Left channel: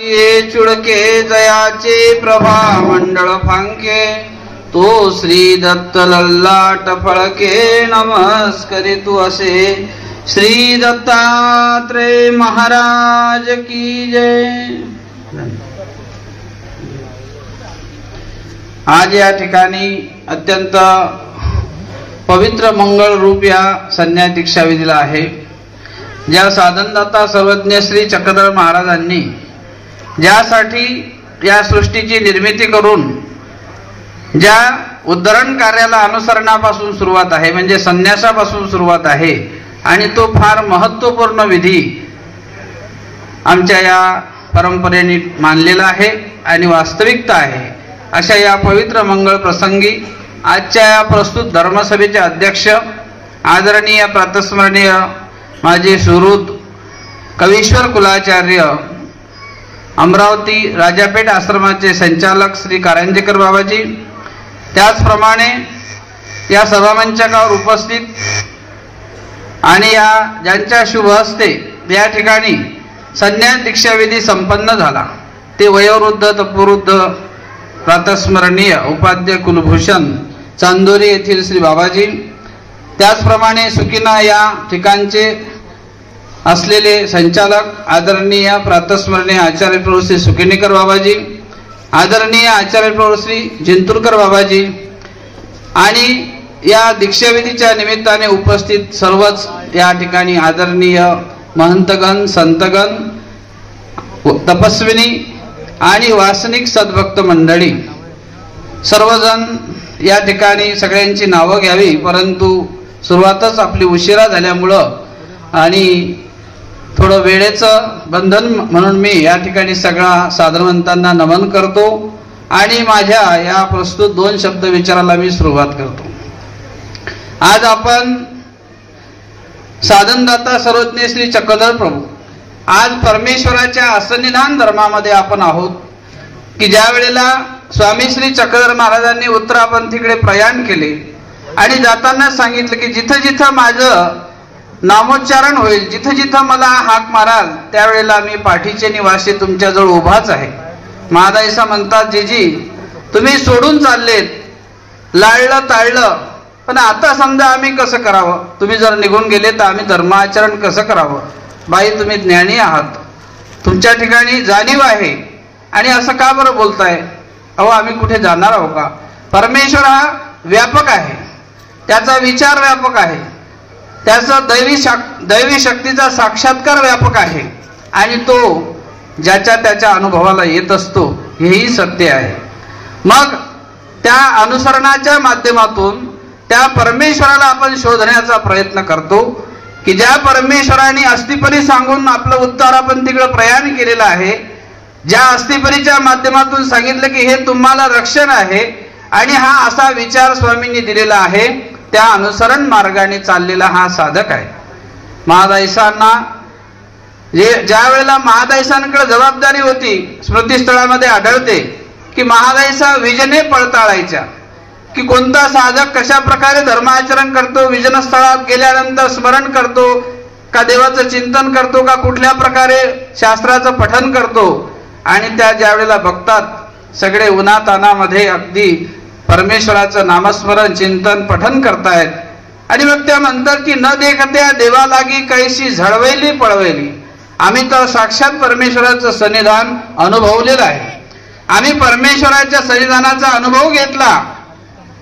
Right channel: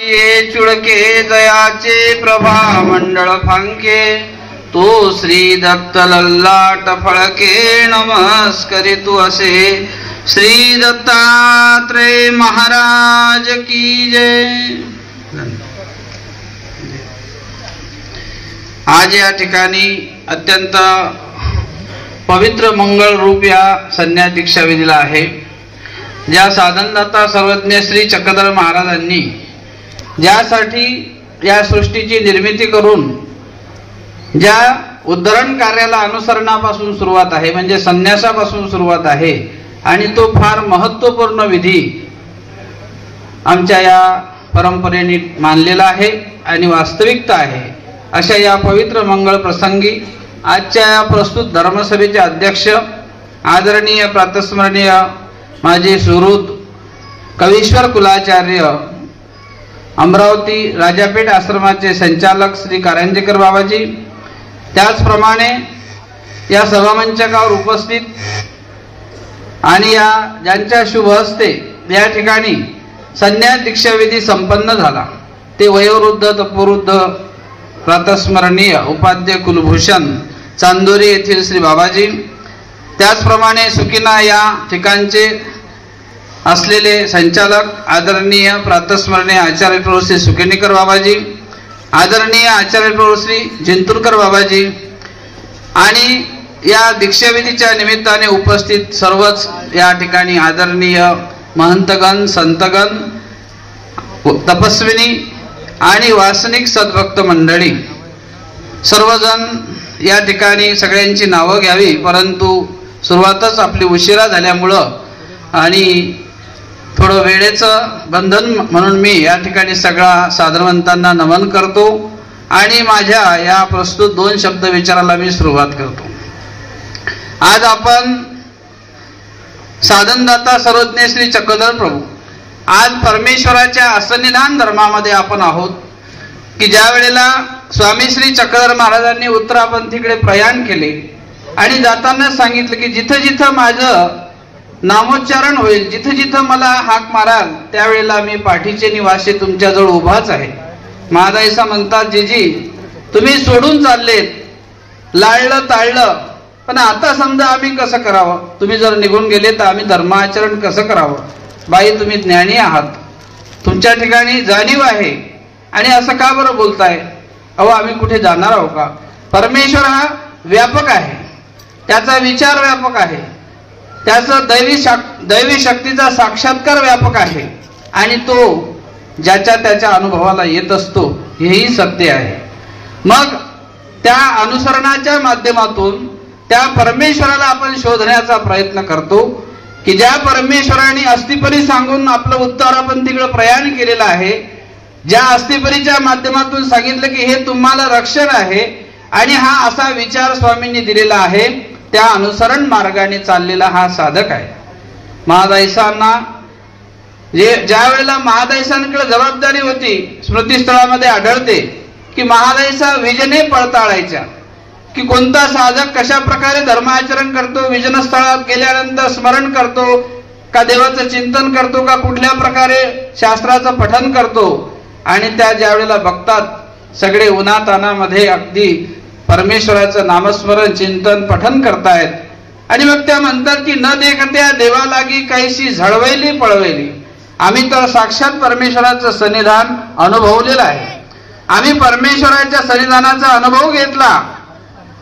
ये चुडके जयाचे प्रभा मंडळ फांके तो श्री दत्त लल्लाट फळके नमस्करितु असे श्री दत्तात्रय महाराज की जय। आज या ठिकाणी अत्यंत पवित्र मंगल रूप या संन्यास दीक्षा विधीला आहे। ज्या साधनदाता सर्वज्ञ श्री चक्रधर महाराजांनी ज्यासाठी या सृष्टीची निर्मिती करून ज्या उद्धरण कार्याला अनुसरणापासून सुरुवात आहे म्हणजे संन्यासापासून सुरुवात आहे आणि तो फार महत्त्वपूर्ण विधी आमच्या या परंपरेने मानलेला आहे आणि वास्तविकता आहे। अशा या पवित्र मंगळ प्रसंगी आजच्या या प्रस्तुत धर्मसभेचे अध्यक्ष आदरणीय प्रातस्मरणीय माझे सुहृद कवीश्वर कुलाचार्य अमरावती राजापेठ आश्रमाचे संचालक श्री कारंजेकर बाबाजी, त्याचप्रमाणे या सभामंचावर उपस्थित आणि या ज्यांच्या शुभ हस्ते या ठिकाणी संन्यास दीक्षा विधी संपन्न झाला ते वयोवृद्ध तपोवृद्ध प्रातस्मरणीय उपाध्याय कुलभूषण चांदोरी येथील श्री बाबाजी, त्याचप्रमाणे सुकिना या ठिकाणचे असलेले संचालक आदरणीय प्रातस्मरणीय आचार्य प्रभू श्री सुकेनीकर बाबाजी, आदरणीय आचार्य प्रभू श्री जिंतूरकर बाबाजी आणि या दीक्षाविधीच्या निमित्ताने उपस्थित सर्वच या ठिकाणी आदरणीय महंतगण संतगण तपस्विनी आणि वासनिक सद्भक्त मंडळी सर्वजण या ठिकाणी सगळ्यांची नावं घ्यावी, परंतु सुरुवातच आपली उशिरा झाल्यामुळं आणि थोडं वेळेचं बंधन म्हणून मी या ठिकाणी सगळ्या साधनवंतांना नमन करतो आणि माझ्या या प्रस्तुत दोन शब्द विचाराला मी सुरुवात करतो। आज आपण साधनदाता सर्वज्ञ श्री चक्रधर प्रभू आज परमेश्वराच्या असन्निधान धर्मामध्ये आपण आहोत की ज्या वेळेला स्वामी श्री चक्रधर महाराजांनी उत्तरापंथीकडे प्रयाण केले आणि जाताना सांगितलं की जिथं जिथं माझं नामोच्चारण होईल जिथं जिथं मला हाक माराल त्यावेळेला मी पाठीचे निवासी तुमच्याजवळ उभाच आहे। महादाईसा म्हणतात जीजी तुम्ही सोडून चाललेत, लाळलं ताळलं, पण आता समजा आम्ही कसं करावं, तुम्ही जर निघून गेले तर आम्ही धर्माचरण कसं करावं। बाई तुम्ही ज्ञानी आहात, तुमच्या ठिकाणी जाणीव आहे आणि असं का बरं बोलताय, अहो आम्ही कुठे जाणार आहोत का। परमेश्वर हा व्यापक आहे, त्याचा विचार व्यापक आहे, त्याचा दैवी शक्तीचा साक्षात्कार व्यापक आहे आणि तो ज्याच्या त्याच्या अनुभवाला येत असतो हेही सत्य आहे। मग त्या अनुसरणाच्या माध्यमातून त्या परमेश्वराला आपण शोधण्याचा प्रयत्न करतो की ज्या परमेश्वराने अस्तिपरी सांगून आपलं उत्तरापंथीकडे प्रयाण केलेलं आहे, ज्या अस्तिपरीच्या माध्यमातून सांगितलं की हे तुम्हाला रक्षण आहे आणि हा असा विचार स्वामींनी दिलेला आहे, त्या अनुसरण मार्गाने चाललेला हा साधक आहे। महादाईसांना ज्या वेळेला महादाईसांकडे जबाबदारी होती स्मृतिस्थळामध्ये आढळते की महादाईसा विजने पडताळायच्या की कोणता साधक कशा प्रकारे धर्माचरण करतो, विजन स्थळात गेल्यानंतर स्मरण करतो का, देवाचं चिंतन करतो का, कुठल्या प्रकारे शास्त्राचं पठन करतो। आणि त्या ज्या वेळेला बघतात सगळे उन्हातानामध्ये अगदी परमेश्वराचं नामस्मरण चिंतन पठन करतायत आणि मग त्या म्हणतात की न देखत्या देवा लागी कैसी झळवैली पळवैली। आम्ही तर साक्षात परमेश्वराचं सन्निधान अनुभवलेलं आहे, आम्ही परमेश्वराच्या सन्निधानाचा अनुभव घेतला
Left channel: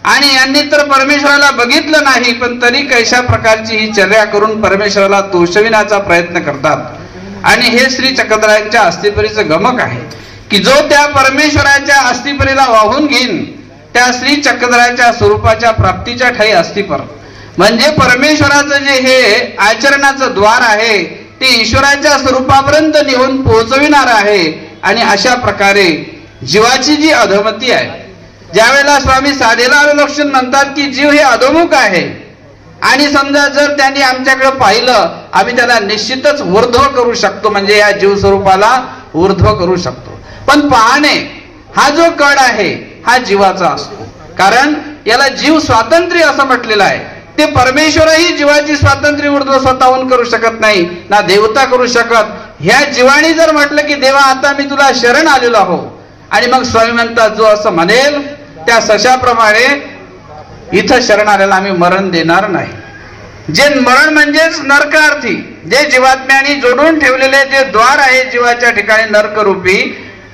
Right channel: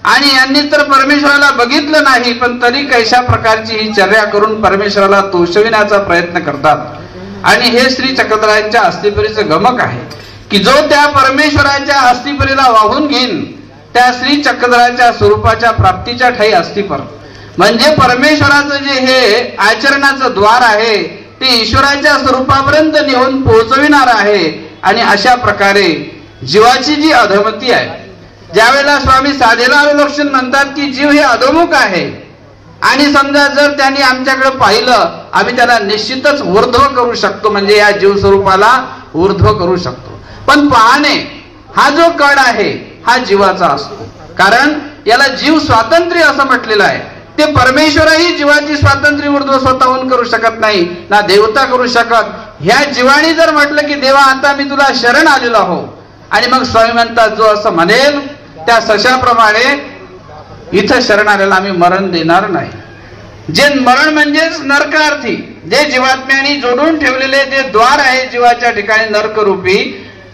आणि यांनी तर परमेश्वराला बघितलं नाही पण तरी कैशा प्रकारची ही चर्या करून परमेश्वराला तोषविण्याचा प्रयत्न करतात। आणि हे श्री चक्रधरांच्या अस्तिपरीचं गमक आहे की जो त्या परमेश्वराच्या अस्तिपरीला वाहून घेईन त्या श्री चक्रधराच्या स्वरूपाच्या प्राप्तीच्या ठाई अस्तिपर म्हणजे परमेश्वराचं जे हे आचरणाचं द्वार आहे ते ईश्वराच्या स्वरूपापर्यंत नेऊन पोहोचविणार आहे। आणि अशा प्रकारे जीवाची जी अधोमती आहे, ज्यावेळेला स्वामी साधेला लक्षण म्हणतात की जीव हे अधोमुख आहे आणि समजा जर त्यांनी आमच्याकडे पाहिलं आम्ही त्याला निश्चितच ऊर्ध्व करू शकतो, म्हणजे या जीव स्वरूपाला ऊर्ध्व करू शकतो। पण पाहणे हा जो कड आहे हा जीवाचा असतो, कारण याला जीव स्वातंत्र्य असं म्हटलेलं आहे। ते परमेश्वरही जीवाची स्वातंत्र्य ऊर्ध्व स्वतःहून करू शकत नाही, ना देवता करू शकत ह्या जीवानी जर म्हटलं की देवा आता मी तुला शरण आलेलो आहो, आणि मग स्वामी म्हणतात जो असं म्हणेल त्या सशाप्रमाणे इथं शरण आलेला आम्ही मरण देणार नाही. जे मरण म्हणजेच नरकार्थी, जे जीवात्म्याने जोडून ठेवलेले जे द्वार आहे जीवाच्या ठिकाणी नरकरूपी,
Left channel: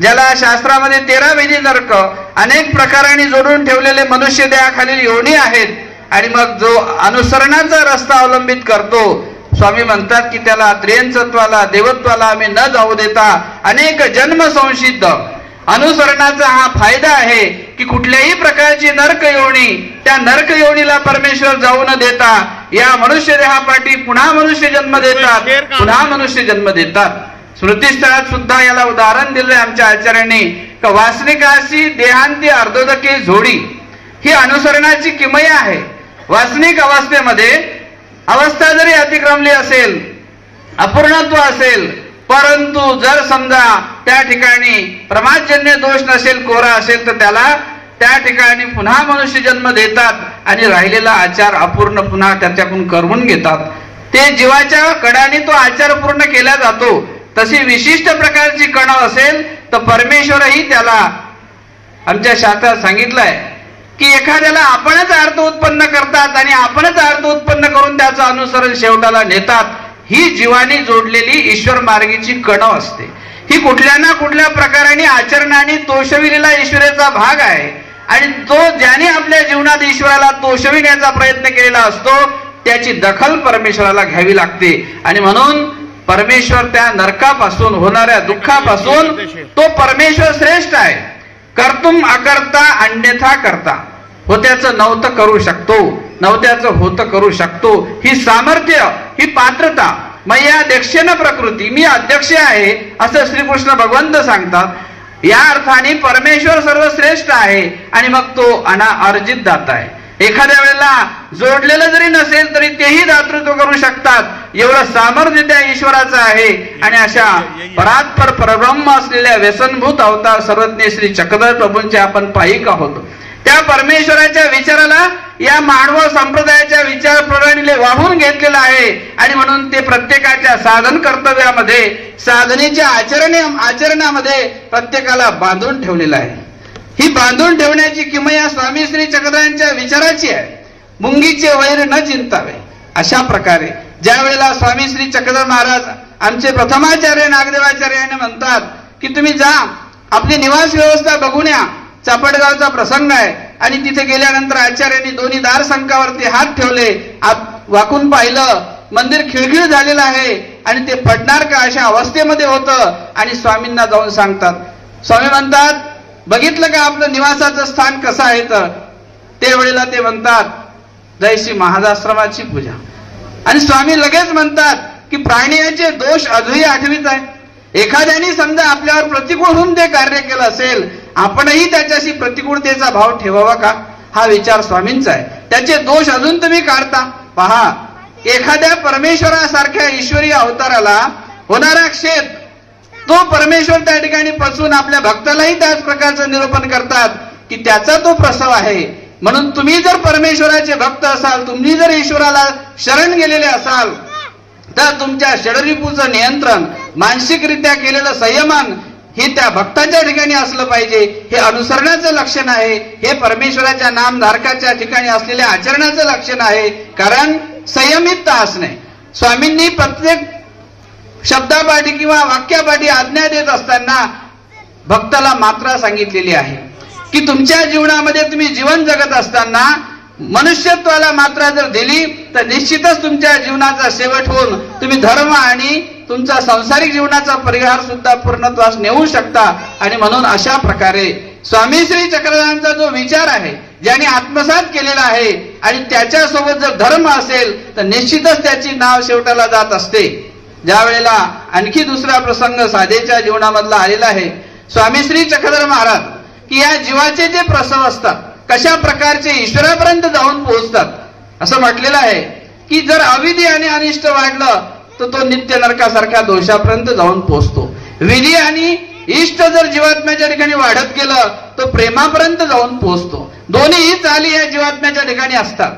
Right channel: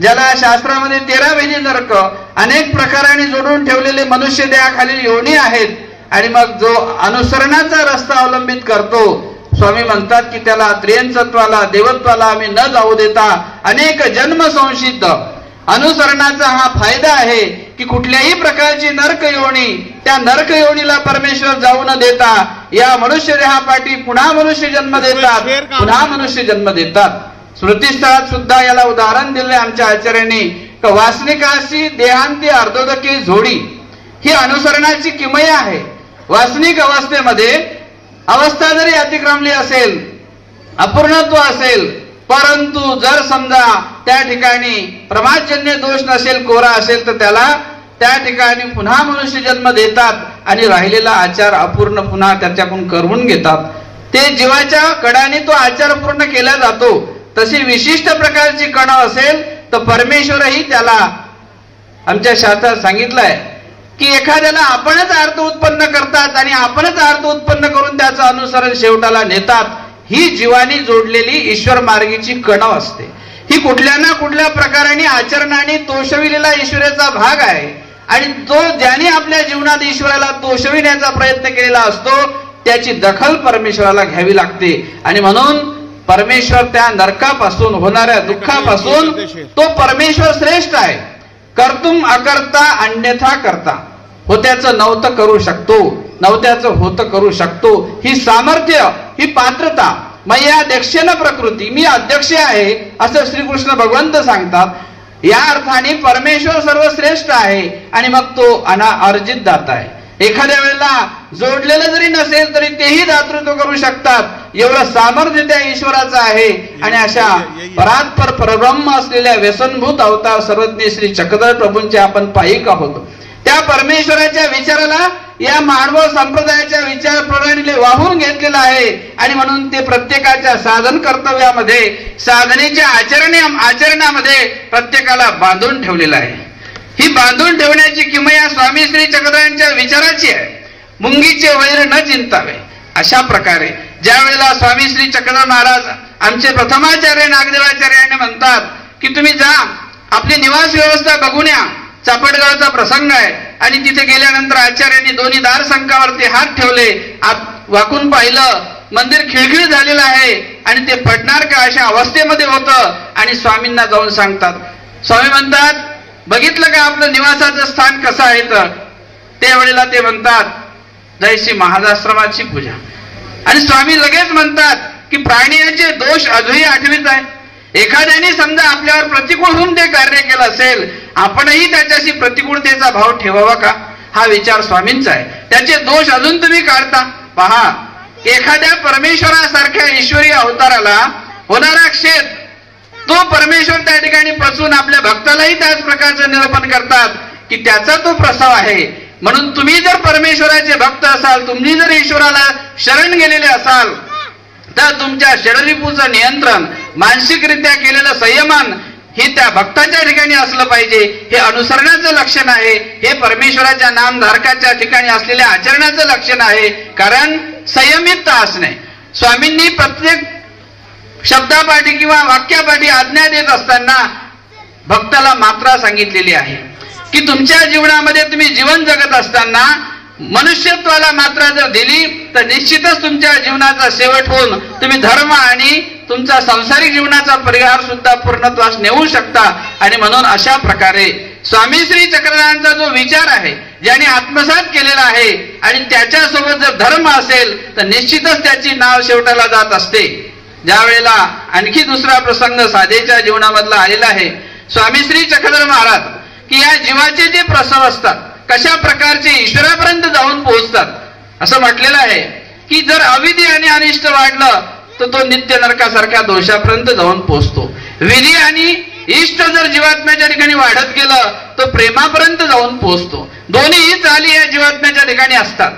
ज्याला शास्त्रामध्ये 13 वेली नरक अनेक प्रकाराने जोडून ठेवलेले मनुष्य देहाखालील योनी आहेत. आणि मग जो अनुसरणाचा रस्ता अवलंबित करतो, स्वामी म्हणतात की त्याला त्रियंचत्वाला देवत्वाला आम्ही न जाऊ देता अनेक जन्म संसिद्ध अनुसरणाचा हा फायदा आहे की कुठल्याही प्रकारची नरक योनी, त्या नरक योनीला परमेश्वर जाऊ न देता या मनुष्य देहापाठी पुन्हा मनुष्य जन्म देतात, पुन्हा मनुष्य जन्म देतात. स्मृतिस्थळात सुद्धा याला उदाहरण दिले आमच्या आचार्यांनी, वासनिकाशी देहांती अर्धोदके जोडी, ही अनुसरणाची किमया आहे. वासनिक अवस्थेमध्ये अवस्था जरी अतिक्रमली असेल, अपूर्णत्व असेल, परंतु जर समजा त्या ठिकाणी प्रमादजन्य दोष नसेल, कोरा असेल, तर त्याला त्या ठिकाणी पुन्हा मनुष्य जन्म देतात आणि राहिलेला आचार अपूर्ण पुन्हा त्याच्याकडून करवून घेतात. ते जीवाच्या कणाने तो आचार पूर्ण केला जातो. तशी विशिष्ट प्रकारची कण असेल तर परमेश्वरही त्याला आमच्या शास्त्रात सांगितलंय की एखाद्याला आपणच अर्थ उत्पन्न करतात आणि आपणच अर्थ उत्पन्न करून त्याचं अनुसरण शेवटाला नेतात. ही जीवानी जोडलेली ईश्वर मार्गीची कण असते. ही कुठल्या ना कुठल्या प्रकाराने आचरणाने तोषविलेला ईश्वराचा भाग आहे आणि तो ज्याने आपल्या जीवनात ईश्वराला तोषविण्याचा प्रयत्न केलेला असतो त्याची दखल परमेश्वराला घ्यावी लागते. आणि म्हणून परमेश्वर त्या नरकापासून होणाऱ्या दुःखापासून तो परमेश्वर श्रेष्ठ आहे. कर्तुम अकर्ता अन्यथा करता, होत्याचं नव्हतं करू शकतो, नव्हत्याचं होतं करू शकतो. ही सामर्थ्य, ही पात्रता मया अध्यक्षेन प्रकृती, मी अध्यक्ष आहे असं श्रीकृष्ण भगवंत सांगतात. या अर्थाने परमेश्वर सर्वश्रेष्ठ आहे आणि मग तो अर्जित दाता आहे. एखाद्या वेळेला जोडलेलं जरी नसेल तरी तेही दातृत्व करू शकतात, एवढं सामर्थ्य त्या ईश्वराचं आहे. आणि अशा परात्पर परब्रह्म असलेल्या व्यसनभूत अवतार सर्वज्ञ श्री चक्रधर प्रभूंचे आपण पायिक आहोत. त्या परमेश्वराच्या विचाराला या मानव संप्रदायाच्या विचार प्रणालीने वाहून घेतलेलं आहे आणि म्हणून ते प्रत्येकाच्या साधन कर्तव्यामध्ये, साधनेच्या आचरणामध्ये प्रत्येकाला बांधून ठेवलेलं आहे. ही बांधून ठेवण्याची किमया स्वामी श्री चक्रधरांच्या विचाराची आहे. मुंगीचे वैर न चिंतावे. अशा प्रकारे ज्या वेळेला स्वामी श्री चक्रधर महाराज आमचे प्रथमाचार्य नागदेवाचार्य यांनी म्हणतात की तुम्ही जा, आपली निवास व्यवस्था बघून या. चापडगावचा प्रसंग आहे आणि तिथे गेल्यानंतर आचार्यांनी दोन्ही दार संकावरती हात ठेवले, वाकून पाहिलं, मंदिर खिळखिळ झालेलं आहे आणि ते पडणार का अशा अवस्थेमध्ये होतं. आणि स्वामींना जाऊन सांगतात. स्वामी म्हणतात बघितलं का आपलं निवासाचं स्थान कसं आहे? तर त्यावेळेला ते म्हणतात जयश्री महाजाश्रमाची पूजा. आणि स्वामी लगेच म्हणतात की प्राण्याचे दोष अजूनही आठवीत आहे. एखाद्याने समजा आपल्यावर प्रतिकूल होऊन ते कार्य केलं असेल, आपणही त्याच्याशी प्रतिकूलतेचा भाव ठेवावा का? हा विचार स्वामींचा आहे. त्याचे दोष अजून तुम्ही काढता. पहा, एखाद्या परमेश्वरासारख्या ईश्वरी अवताराला होणारा क्षेत्र, तो परमेश्वर त्या ठिकाणी पासून आपल्या भक्तालाही त्याच प्रकारचं निरूपण करतात की त्याचा तो प्रसव आहे. म्हणून तुम्ही जर परमेश्वराचे भक्त असाल, तुम्ही जर ईश्वराला शरण गेलेले असाल, तर तुमच्या षडरिपूचं नियंत्रण, मानसिकरित्या केलेलं संयमन हे त्या भक्ताच्या ठिकाणी असलं पाहिजे. हे अनुसरणाचं लक्षण आहे. हे परमेश्वराच्या नामधारकाच्या ठिकाणी असलेल्या आचरणाचं लक्षण आहे. कारण संयमितता असणे. स्वामींनी प्रत्येक शब्दापाठी किंवा वाक्यापाठी आज्ञा देत असताना भक्ताला मात्रा सांगितलेली आहे की तुमच्या जीवनामध्ये तुम्ही जीवन जगत असताना मनुष्यत्वाला मात्रा जर दिली तर निश्चितच तुमच्या जीवनाचा शेवट होऊन तुम्ही धर्म आणि तुमचा सांसारिक जीवनाचा परिहार सुद्धा पूर्णत्वास नेऊ शकता. आणि म्हणून अशा प्रकारे स्वामी श्री चक्रधरांचा जो विचार आहे, ज्याने आत्मसात केलेला आहे, आणि त्याच्यासोबत जर धर्म असेल तर निश्चितच त्याची नाव शेवटाला जात असते. ज्या वेळेला आणखी दुसरा प्रसंग साधेच्या जीवनामधला आलेला आहे, स्वामी श्री चक्रधर महाराज की या जीवाचे जे प्रसव असतात कशा प्रकारचे ईश्वरापर्यंत जाऊन पोहोचतात. असं म्हटलेलं आहे की जर अविधी आणि अनिष्ट वाढलं तर तो नित्य नरकासारख्या दोषापर्यंत जाऊन पोहोचतो. विधी आणि इष्ट जर जीवात्म्याच्या ठिकाणी वाढत गेलं तर प्रेमापर्यंत जाऊन पोहोचतो. दोन्ही चाली या जीवात्म्याच्या ठिकाणी असतात.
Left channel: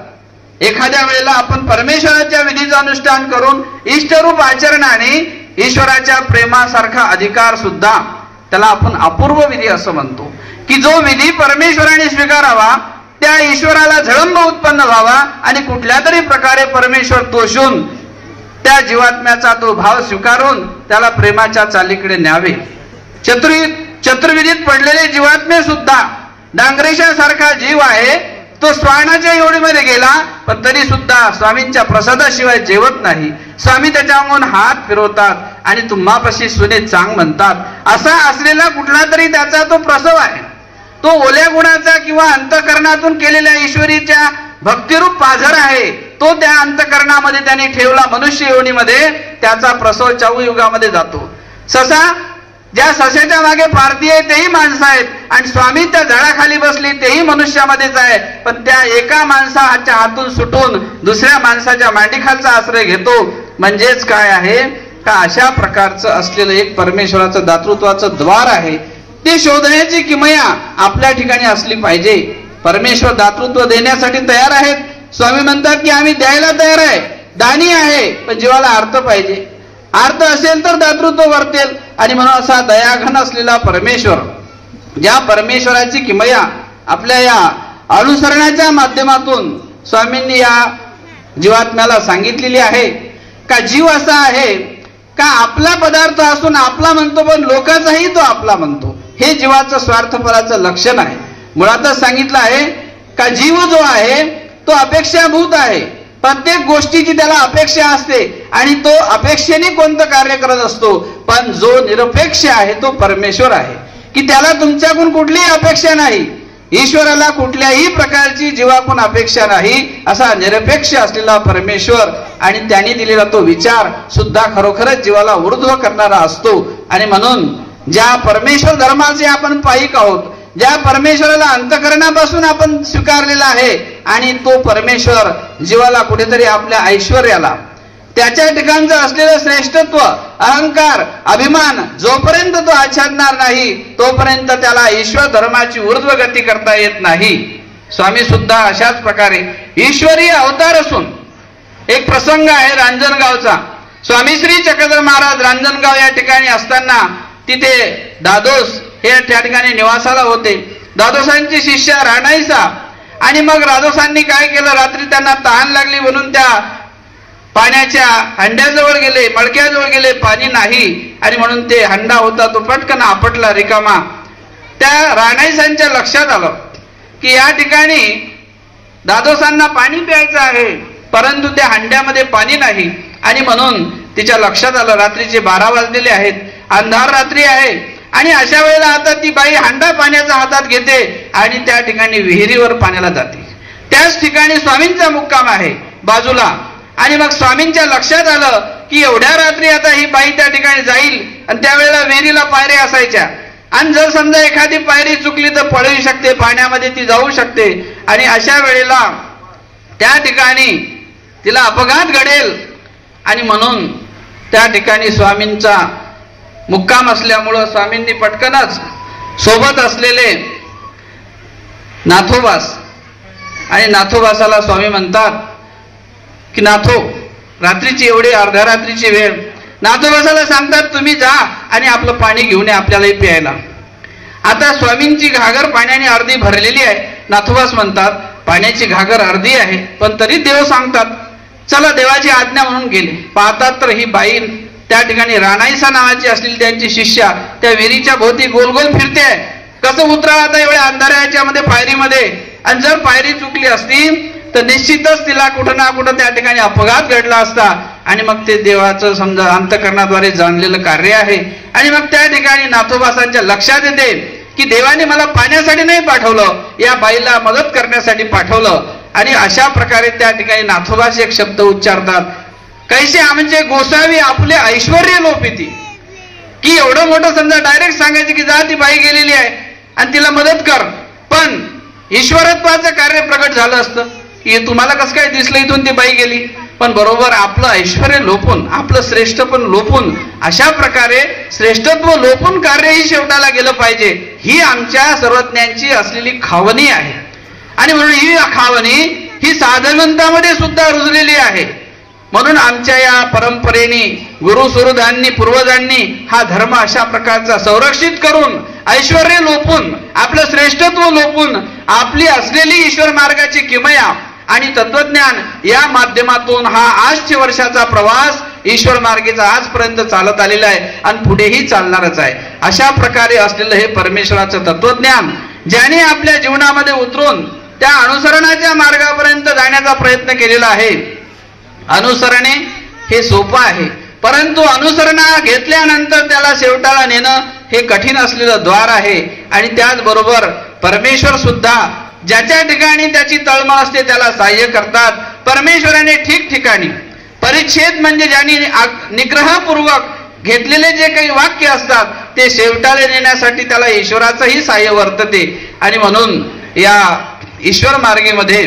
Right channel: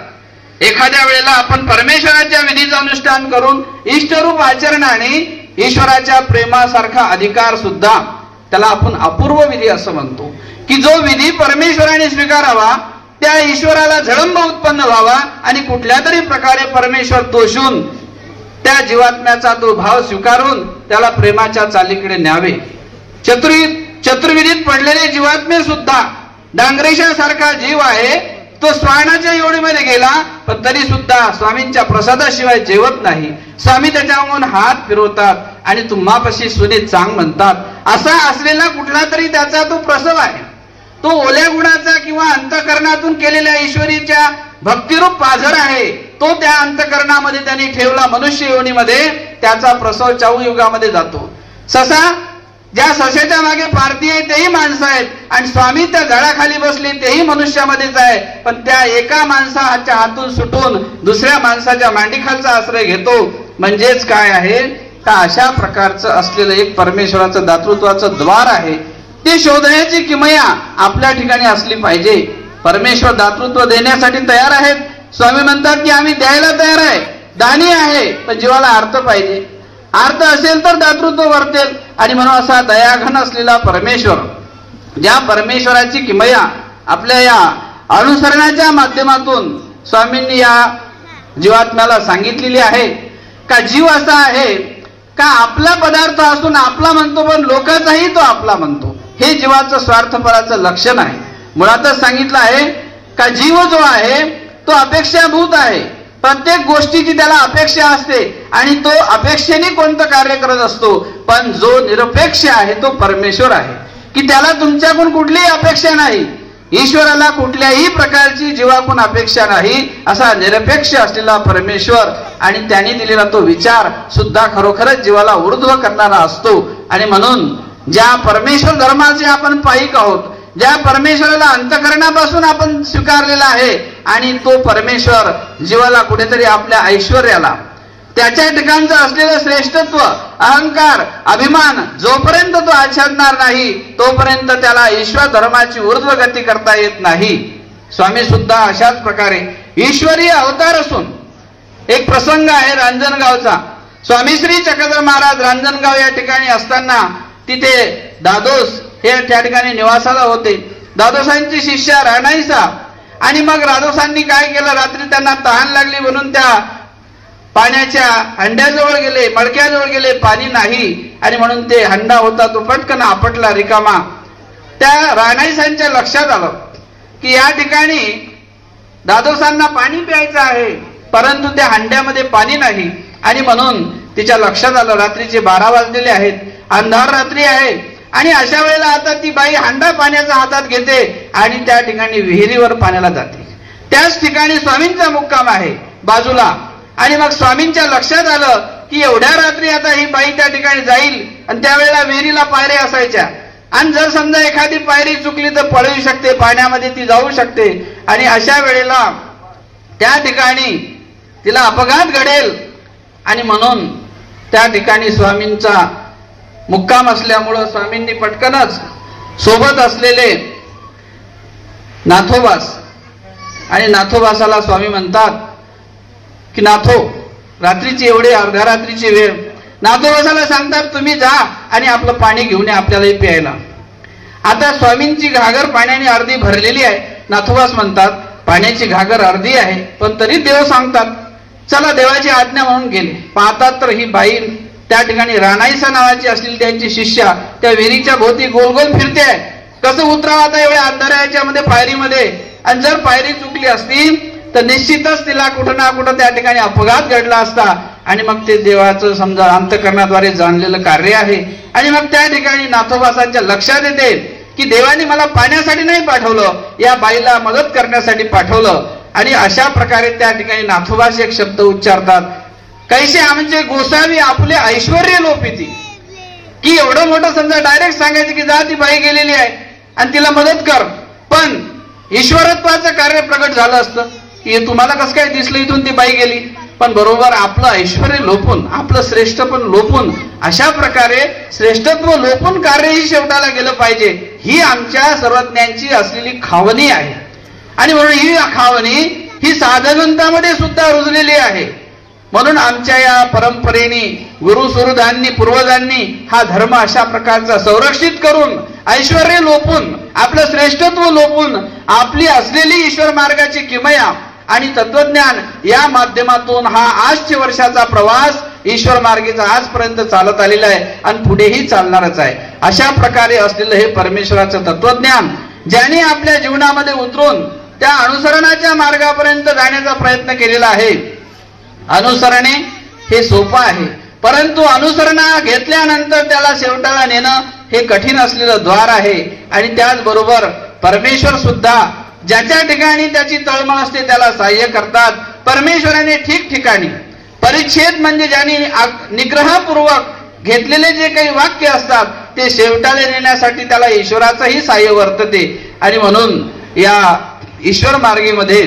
एखाद्या वेळेला आपण परमेश्वराच्या विधीचं अनुष्ठान करून इष्टरूप आचरणाने ईश्वराच्या प्रेमासारखा अधिकार सुद्धा त्याला आपण अपूर्व विधी असं म्हणतो, की जो विधी परमेश्वराने स्वीकारावा, त्या ईश्वराला झळंब उत्पन्न व्हावा आणि कुठल्या तरी प्रकारे परमेश्वर तोषून त्या जीवात्म्याचा तो भाव स्वीकारून त्याला प्रेमाच्या चालीकडे न्यावे. चतुर्विधीत पडलेले जीवात्मे सुद्धा, डांगरेशासारखा जीव आहे तो स्वानाच्या योडीमध्ये गेला, पण तरी सुद्धा स्वामींच्या प्रसादाशिवाय जेवत नाही. स्वामी त्याच्यावरून हात फिरवतात आणि तुम्हापाशी सुने चांग म्हणतात. असा असलेला कुठला तरी त्याचा तो प्रसव आहे. तो ओल्या गुणाचा किंवा अंतःकरणातून केलेल्या ईश्वरीच्या भक्तिरूप पाझर आहे. तो त्या अंतःकरणामध्ये त्यांनी ठेवला मनुष्य योनीमध्ये, त्याचा प्रसव चौयुगामध्ये जातो. ससा, ज्या सस्याच्या मागे पारधी आहे तेही माणसं आहेत आणि स्वामी त्या झाडाखाली बसली तेही मनुष्यामध्येच आहे. पण त्या एका माणसाच्या हातून सुटून दुसऱ्या माणसाच्या मांडीखालचा आश्रय घेतो. म्हणजेच काय आहे का अशा प्रकारचं असलेलं एक परमेश्वराचं दातृत्वाचं द्वार आहे. ते शोधण्याची किमया आपल्या ठिकाणी असली पाहिजे. परमेश्वर दातृत्व देण्यासाठी तयार आहेत. स्वामी म्हणतात की आम्ही द्यायला तयार आहे, दानी आहे, पण जीवाला अर्थ पाहिजे. अर्थ असेल तर दातृत्व वर्तेल. आणि म्हणून असा दयाघन असलेला परमेश्वर, ज्या परमेश्वराची किमया आपल्या या अनुसरणाच्या माध्यमातून स्वामींनी या जीवात्म्याला सांगितलेली आहे. का जीव असा आहे का आपला पदार्थ असून आपला म्हणतो, पण लोकांचाही तो आपला म्हणतो. हे जीवाचं स्वार्थपराचं लक्षण आहे. मुळातच सांगितलं आहे का जीव जो आहे तो अपेक्षाभूत आहे. प्रत्येक गोष्टीची त्याला अपेक्षा असते आणि तो अपेक्षेने कोणतं कार्य करत असतो. पण जो निरपेक्ष आहे तो परमेश्वर आहे, की त्याला तुमच्याकडून कुठलीही अपेक्षा नाही. ईश्वराला कुठल्याही प्रकारची जीवाकडून अपेक्षा नाही. असा निरपेक्ष असलेला परमेश्वर आणि त्यांनी दिलेला तो विचार सुद्धा खरोखरच जीवाला ऊर्ध्व करणारा असतो. आणि म्हणून ज्या परमेश्वर धर्माचे आपण पाईक आहोत, ज्या परमेश्वराला अंतःकरणापासून आपण स्वीकारलेला आहे, आणि तो परमेश्वर जीवाला कुठेतरी आपल्या ऐश्वर्याला, त्याच्या ठिकाणचं असलेलं श्रेष्ठत्व, अहंकार, अभिमान जोपर्यंत तो आच्छादणार नाही तोपर्यंत त्याला ईश्वर धर्माची ऊर्ध्व गती करता येत नाही. स्वामी सुद्धा अशाच प्रकारे ईश्वरीय अवतार असून, एक प्रसंग आहे रांजणगावचा. स्वामी श्री चक्रधर महाराज रांजणगाव या ठिकाणी असताना तिथे दादोस हे त्या ठिकाणी निवासाला होते. दादोसांची शिष्या राणाईसा. आणि मग दादोसांनी काय केलं, रात्री त्यांना तहान लागली म्हणून त्या पाण्याच्या हंड्याजवळ गेले, मडक्याजवळ गेले, पाणी नाही. आणि म्हणून ते हंडा होता तो पटकन आपटला रिकामा. त्या राणाईसांच्या लक्षात आलं की या ठिकाणी दादोसांना पाणी प्यायचं आहे, परंतु त्या हंड्यामध्ये पाणी नाही. आणि म्हणून तिच्या लक्षात आलं रात्रीचे 12 वाजलेले आहेत, अंधार रात्री आहे. आणि अशा वेळेला आता ती बाई हंडा पाण्याचा हातात घेते आणि त्या ठिकाणी विहिरीवर पाण्याला जाते. त्याच ठिकाणी स्वामींचा मुक्काम आहे बाजूला. आणि मग स्वामींच्या लक्षात आलं की एवढ्या रात्री आता ही बाई त्या ठिकाणी जाईल आणि त्यावेळेला विहिरीला पायऱ्या असायच्या, आणि जर समजा एखादी पायरी चुकली तर पडू शकते, पाण्यामध्ये ती जाऊ शकते. आणि अशा वेळेला त्या ठिकाणी तिला अपघात घडेल. आणि म्हणून त्या ठिकाणी स्वामींचा मुक्काम असल्यामुळं स्वामींनी पटकनच सोबत असलेले नाथोबास, आणि नाथोबासाला स्वामी म्हणतात की नाथो, रात्रीची एवढी अर्ध्या रात्रीची वेळ, नाथोबासाला सांगतात तुम्ही जा आणि आपलं पाणी घेऊन या आपल्यालाही प्यायला. आता स्वामींची घागर पाण्याने अर्धी भरलेली आहे. नाथोबास म्हणतात पाण्याची घागर अर्धी आहे, पण तरी देव सांगतात चला देवाची आज्ञा म्हणून गेले. पाहतात तर ही बाई त्या ठिकाणी राणाईसा नावाची असलेली त्यांची शिष्या त्या विहिरीच्या भोवती गोल गोल फिरते. कसं उतरावं आता एवढ्या अंधाराच्या मध्ये पायरीमध्ये. आणि जर पायरी चुकली असती तर निश्चितच तिला कुठं ना कुठं त्या ठिकाणी अपघात घडला असता. आणि मग ते देवाचं समजा अंतःकरणाद्वारे जाणलेलं कार्य आहे. आणि मग त्या ठिकाणी नाथोबासांच्या लक्षात येते की देवाने मला पाण्यासाठी नाही पाठवलं, या बाईला मदत करण्यासाठी पाठवलं. आणि अशा प्रकारे त्या ठिकाणी नाथोबास एक शब्द उच्चारतात, कैसे म्हणजे गोसावी आपले ऐश्वर्य लोपिती. की एवढं मोठं समजा डायरेक्ट सांगायचं की जा ती बाई गेलेली आहे आणि तिला मदत कर, पण ईश्वरत्वाचं कार्य प्रकट झालं असतं की तुम्हाला कसं काय दिसलं इथून ती बाई गेली. पण बरोबर आपलं ऐश्वर्य लोपून, आपलं श्रेष्ठ पण लोपून, अशा प्रकारे श्रेष्ठत्व लोपून कार्यही शेवटाला गेलं पाहिजे. ही आमच्या सर्वज्ञांची असलेली खावणी आहे. आणि म्हणून ही खावणी ही साधनंतामध्ये सुद्धा रुजलेली आहे. म्हणून आमच्या या परंपरेने गुरुसुहृदांनी पूर्वजांनी हा धर्म अशा प्रकारचा संरक्षित करून ऐश्वर्य लोपून आपलं श्रेष्ठत्व लोपून आपली असलेली ईश्वर मार्गाची किमया आणि तत्वज्ञान या माध्यमातून हा 800 वर्षाचा प्रवास ईश्वर मार्गीचा आजपर्यंत चालत आलेला आहे आणि पुढेही चालणारच आहे. अशा प्रकारे असलेलं हे परमेश्वराचं तत्वज्ञान ज्याने आपल्या जीवनामध्ये उतरून त्या अनुसरणाच्या मार्गापर्यंत जाण्याचा प्रयत्न केलेला आहे. अनुसरणे हे सोपं आहे, परंतु अनुसरणा घेतल्यानंतर त्याला शेवटाला नेणं हे कठीण असलेलं द्वार आहे. आणि त्याचबरोबर परमेश्वर सुद्धा ज्याच्या ठिकाणी त्याची तळमळ असते त्याला सहाय्य करतात. परमेश्वराने ठिकठिकाणी परिच्छेद म्हणजे ज्यांनी निग्रहपूर्वक घेतलेले जे काही वाक्य असतात ते शेवटाला नेण्यासाठी त्याला ईश्वराचंही सहाय्य वर्तते. आणि म्हणून या ईश्वर मार्गेमध्ये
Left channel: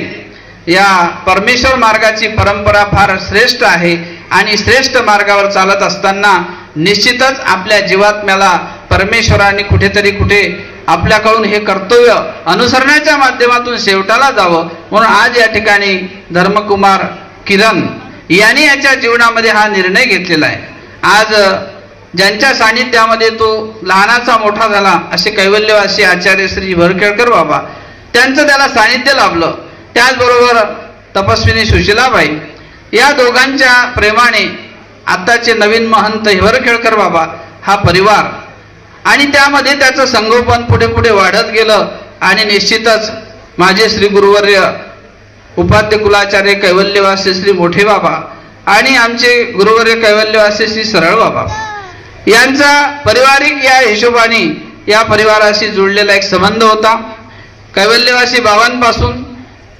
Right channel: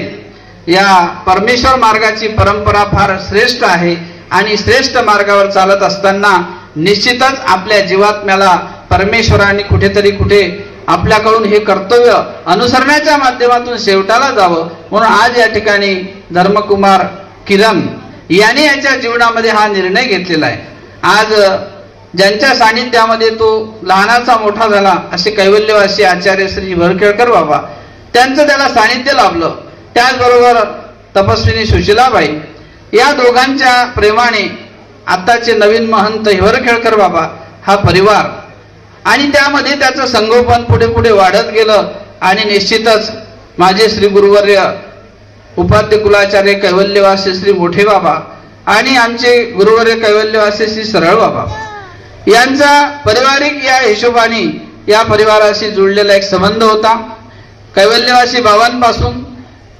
या परमेश्वर मार्गाची परंपरा फार श्रेष्ठ आहे. आणि श्रेष्ठ मार्गावर चालत असताना निश्चितच आपल्या जीवात्म्याला परमेश्वराने कुठे आपल्याकडून हे कर्तव्य अनुसरणाच्या माध्यमातून शेवटाला जावं. म्हणून आज या ठिकाणी धर्मकुमार किरण यांनी याच्या जीवनामध्ये हा निर्णय घेतलेला आहे. आज ज्यांच्या सानिध्यामध्ये तो लहानाचा मोठा झाला असे कैवल्यवासी आचार्य श्री वरखेडकर बाबा त्यांचं त्याला सानिध्य लाभलं. त्याचबरोबर तपस्विनी सुशीलाबाई या दोघांच्या प्रेमाने आताचे नवीन महंत हिवरखेडकर बाबा हा परिवार आणि त्यामध्ये त्याचं संगोपन पुढे वाढत गेलं. आणि निश्चितच माझे श्री गुरुवर्य उपाध्य कुलाचार्य कैवल्यवासी श्री मोठे बाबा आणि आमचे गुरुवर्य कैवल्यवासी श्री सरळ बाबा यांचा पारिवारिक या हिशोबाने या परिवाराशी जुळलेला एक संबंध होता. कैवल्यवासी बाबांपासून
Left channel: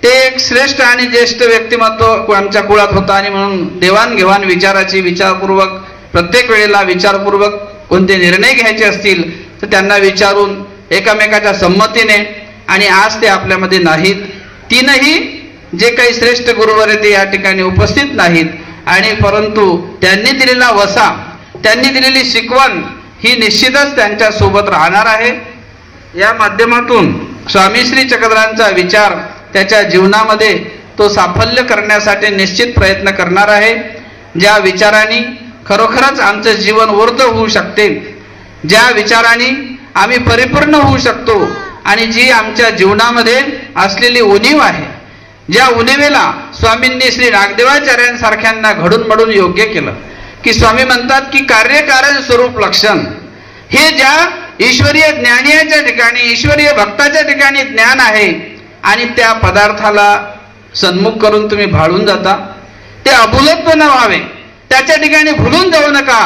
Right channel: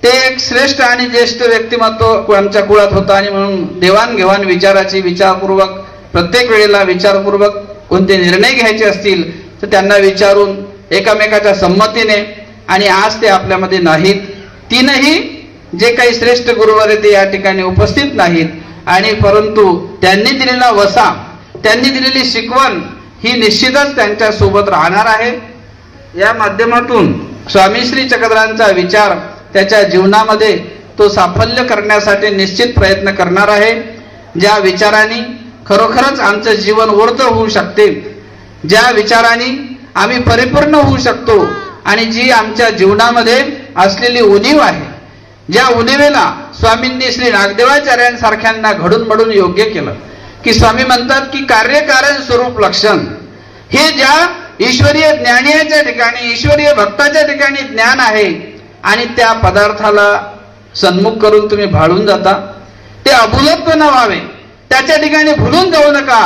ते एक श्रेष्ठ आणि ज्येष्ठ व्यक्तिमत्व आमच्या कुळात होता. आणि म्हणून देवाणघेवाण विचाराची विचारपूर्वक प्रत्येक वेळेला विचारपूर्वक कोणते निर्णय घ्यायचे असतील तर त्यांना विचारून एकामेकाच्या संमतीने. आणि आज ते आपल्यामध्ये नाहीत. तीनही जे काही श्रेष्ठ गुरुवर ते या ठिकाणी उपस्थित नाहीत. आणि परंतु त्यांनी दिलेला वसा त्यांनी दिलेली शिकवण ही निश्चितच त्यांच्या सोबत राहणार आहे. या माध्यमातून स्वामी श्री चक्रधरांचा विचार त्याच्या जीवनामध्ये तो साफल्य करण्यासाठी निश्चित प्रयत्न करणार आहे. ज्या विचारांनी खरोखरच आमचं जीवन ऊर्ध्व होऊ शकते, ज्या विचारांनी आम्ही परिपूर्ण होऊ शकतो आणि जी आमच्या जीवनामध्ये असलेली उणीव आहे, ज्या उणीवेला स्वामींनी श्री नागदेवाचार्यांसारख्यांना घडून मडून योग्य केलं. की स्वामी म्हणतात की कार्यकारण स्वरूप लक्षण हे ज्या ईश्वरीय ज्ञानीच्या ठिकाणी ईश्वरीय भक्ताच्या ठिकाणी ज्ञान आहे आणि त्या पदार्थाला सन्मुख करून तुम्ही भाळून जाता. ते अभूलत्व न व्हावे, त्याच्या ठिकाणी भुलून जाऊ नका.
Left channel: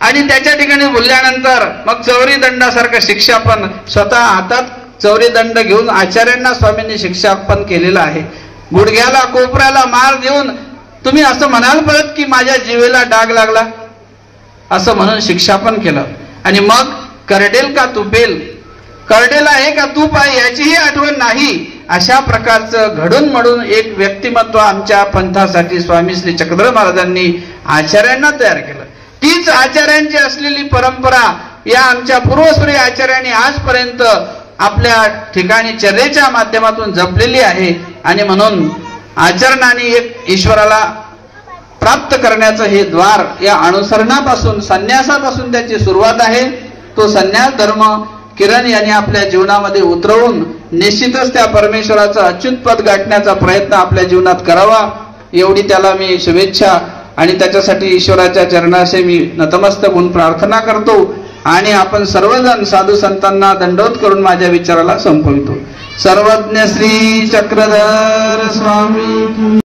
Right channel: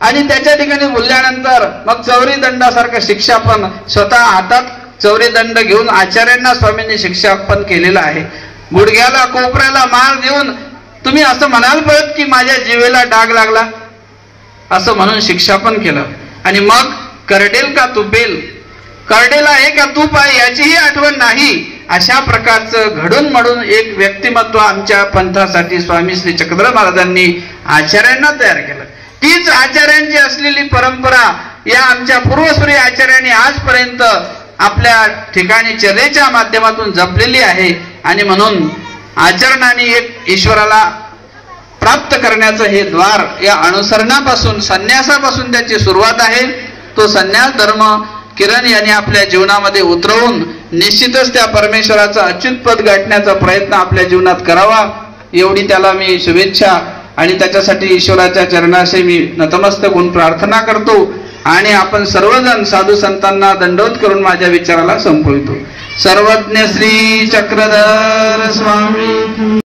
आणि त्याच्या ठिकाणी भुलल्यानंतर मग चौरी दंडासारखं शिक्षा पण स्वतः हातात चौरी दंड घेऊन आचार्यांना स्वामींनी शिक्षा पण केलेला आहे. गुडघ्याला कोपऱ्याला मार देऊन तुम्ही असं म्हणाल परत की माझ्या जीवेला डाग लागला असं म्हणून शिक्षा पण केलं. आणि मग करडेल का तुपेल, करडेल आहे का तूप आहे याचीही आठवण नाही. अशा प्रकारचं घडून मडून एक व्यक्तिमत्व आमच्या पंथासाठी स्वामी श्री चक्रधर महाराजांनी आचार्यांना तयार केलं. तीच आचार्यांची असलेली परंपरा या आमच्या पूर्वसूरी आचार्यांनी आजपर्यंत आपल्या ठिकाणी चर्येच्या माध्यमातून जपलेली आहे. आणि म्हणून आचरणाने एक ईश्वराला प्राप्त करण्याचं हे द्वार या अनुसरणापासून संन्यासापासून त्याची सुरुवात आहे. तो संन्यास धर्म किरण यांनी आपल्या जीवनामध्ये उतरवून निश्चितच त्या परमेश्वराचं अच्युत पद गाठण्याचा प्रयत्न आपल्या जीवनात करावा एवढी त्याला मी शुभेच्छा आणि त्याच्यासाठी ईश्वराच्या चरणाशी मी नतमस्तक होऊन प्रार्थना करतो. आणि आपण सर्वजण साधू संतांना दंडवत करून माझ्या विचाराला संपवितो. सर्वज्ञ श्री चक्रधर स्वामी.